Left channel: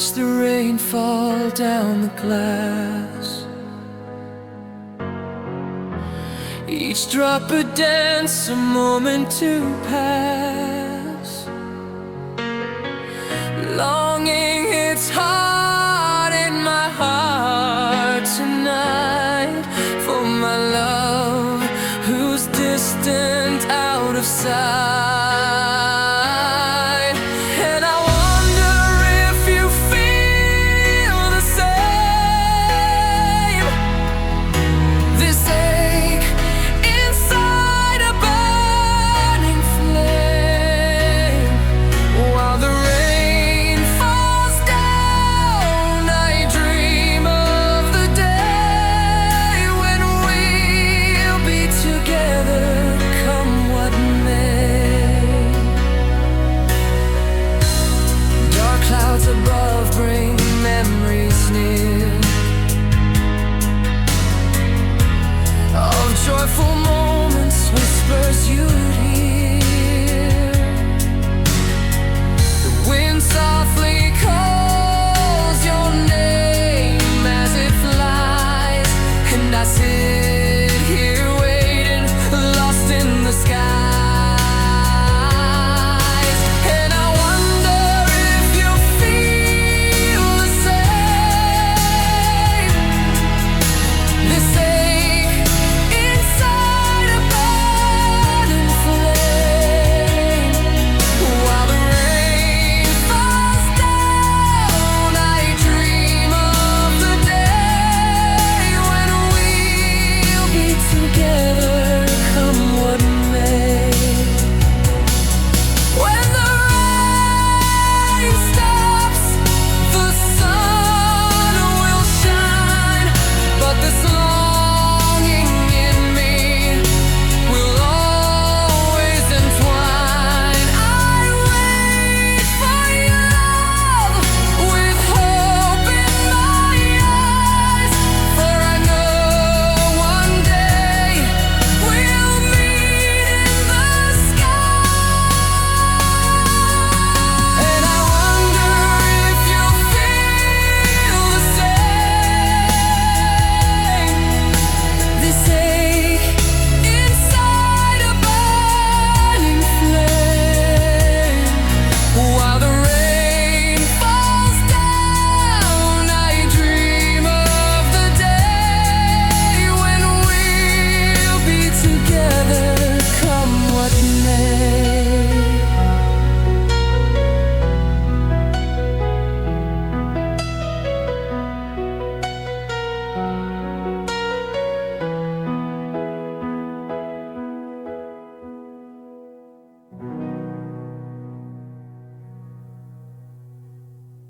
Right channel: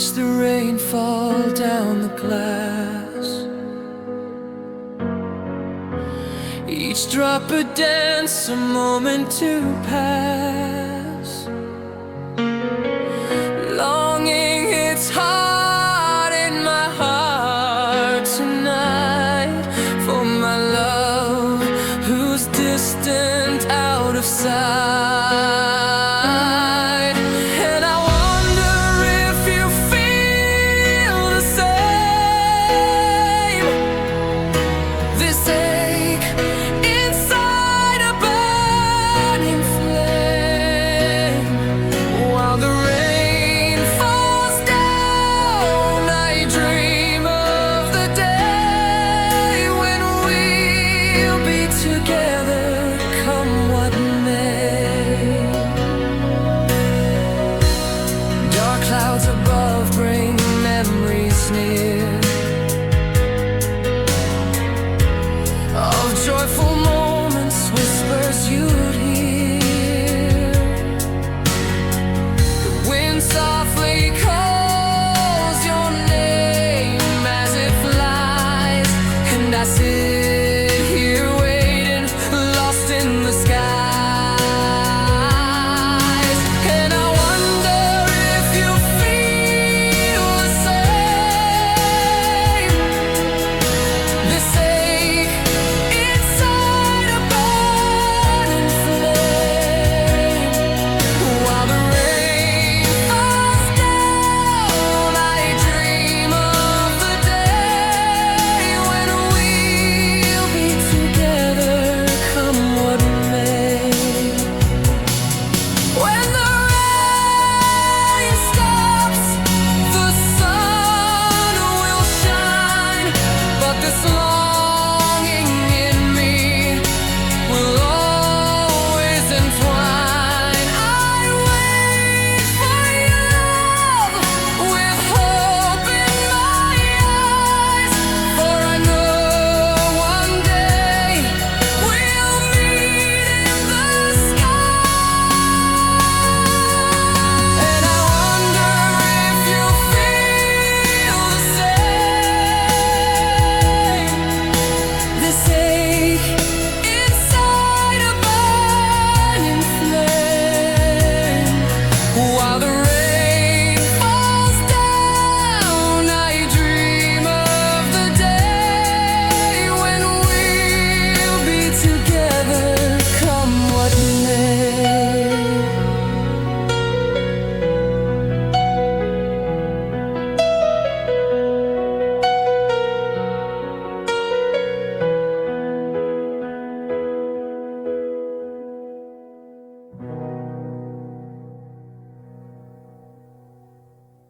watch the rain fall down the glass. Each drop a dance, a moment to pass. Longing hits hard in my heart tonight for my love who's distant, out of sight. And I wonder if you feel the same. This ache inside a burning flame. While the rain falls down, I dream of the day when we'll be together, come what may. Dark clouds above bring memories near of joyful moments, whispers you'd hear.